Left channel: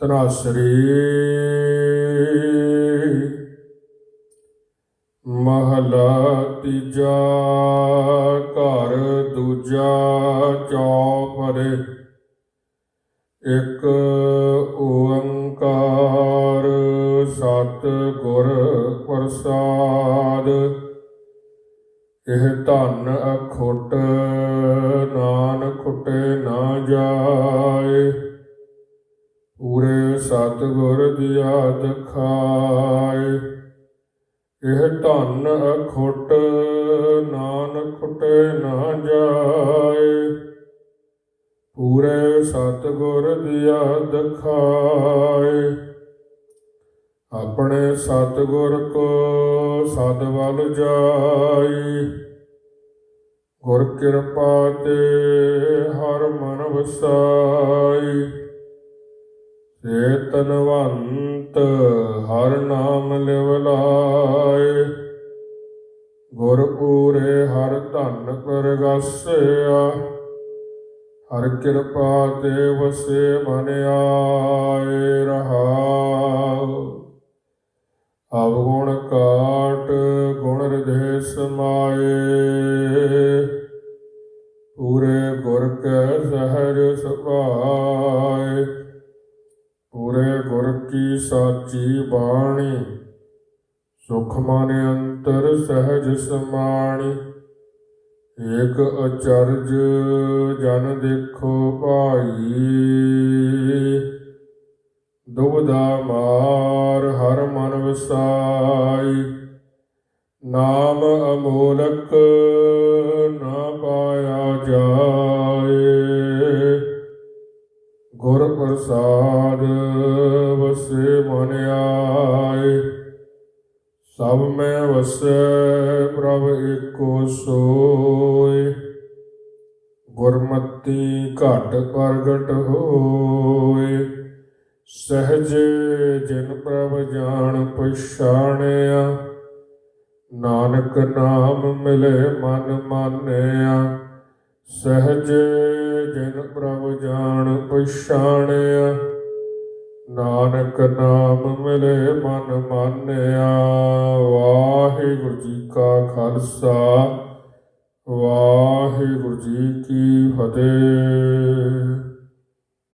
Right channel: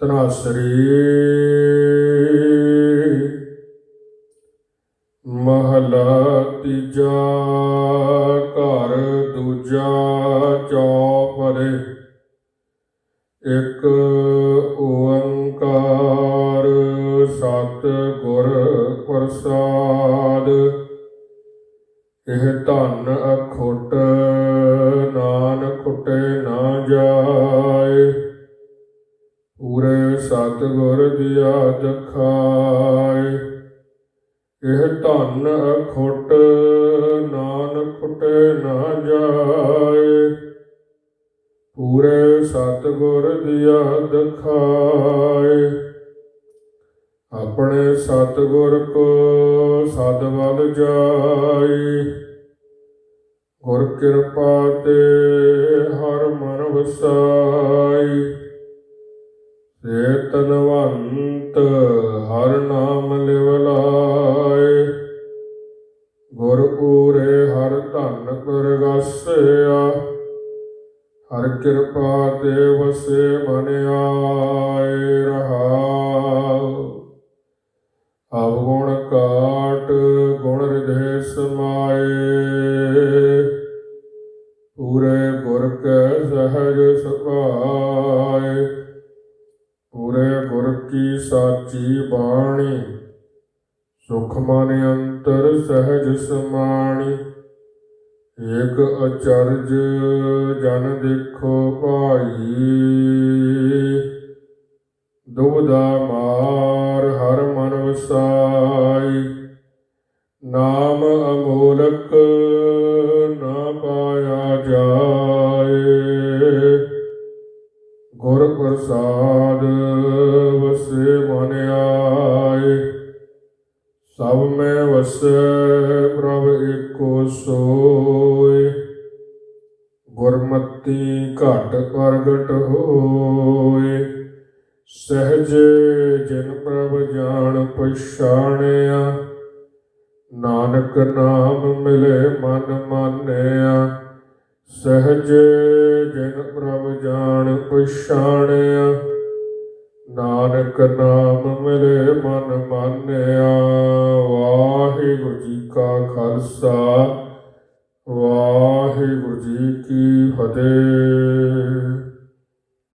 ਤਨਾਸਰੀ ਮਹਲਾ ਤੀਜਾ ਘਰ ਦੂਜਾ ਚੌਪਰੇ ਇੱਕ ਓੰਕਾਰ ਸਤ ਗੁਰ ਪ੍ਰਸਾਦ। ਇਹ ਧੰਨ ਅਖੁੱਟ ਸਤਿਗੁਰ ਦੀਆ ਦਖਾਏ ਇਹ ਧਨ ਅਖੁੱਟ ਨਾਨਕ ਖੁੱਟੇ ਨਾ ਜਾਏ। ਪੂਰੇ ਸਤਿਗੁਰ ਦੀਆ ਦਖਾਏ ਆਪਣੇ ਸਤਿਗੁਰ ਕੋ ਸਦ ਵੱਲ ਜਾਏ। ਗੁਰ ਕਿਰਪਾ ਤੇ ਹਰ ਮਨ ਵਸਾਈ ਤਨਵੰਤ ਹਰ ਨਾਮ ਲਿਵ ਗੁਰ ਪੂਰੇ ਹਰ ਧਨ ਪਰਗਾਸਿਆ। ਹਰ ਕਿਰਪਾ ਤੇ ਵਸੇ ਮਨ ਆਏ ਰਹਾਉ। ਅਵਗੁਣ ਕਾਟ ਗੁਣ ਰਿਧੇ ਸਮਾਏ ਪੂਰੇ ਗੁਰ ਕੈ ਸਹਜ ਸੁਭਾਏ ਕੀ ਸਾਚੀ ਬਾਣੀ? ਸੁਖ ਮਨ ਅੰਤਰ ਸਹਿਜ ਸਮਾਣੀ। ਇਕ ਅਚਰਜ ਜਨ ਦੇਖੋ ਭਾਈ। ਦੁਬਦਾ ਮਾਰ ਹਰ ਮਨ ਵਸਾਈ। ਨਾਮ ਅਮੋਲਕ ਨਾ ਪਾਇਆ ਜਾ ਗੁਰ ਪ੍ਰਸਾਦ ਵਸੇ ਮਨ ਆਏ। ਸਭ ਮੈਂ ਵਸੈ, ਪ੍ਰਭ ਏਕੋ ਸੋਏ। ਗੁਰਮਤੀ ਘਟ ਪ੍ਰਗਟ ਹੋਏ। ਸਹਜ ਜਨ ਪ੍ਰਭ ਜਾਣ ਪਛਾਣਿਆ। ਨਾਨਕ ਨਾਮ ਮਿਲੇ ਮਨ ਮਾਨਿਆ। ਸਹਜ ਜਨ ਪ੍ਰਭ ਜਾਣ ਪਛਾਣਿਆ, ਨਾਨਕ ਨਾਮ ਮਿਲੇ ਮਨ ਮਾਨਿਆ। ਵਾਹਿਗੁਰੂ ਜੀ ਕਾ ਖਾਲਸਾ, ਵਾਹਿਗੁਰੂ ਜੀ ਕੀ ਫਤਿਹ।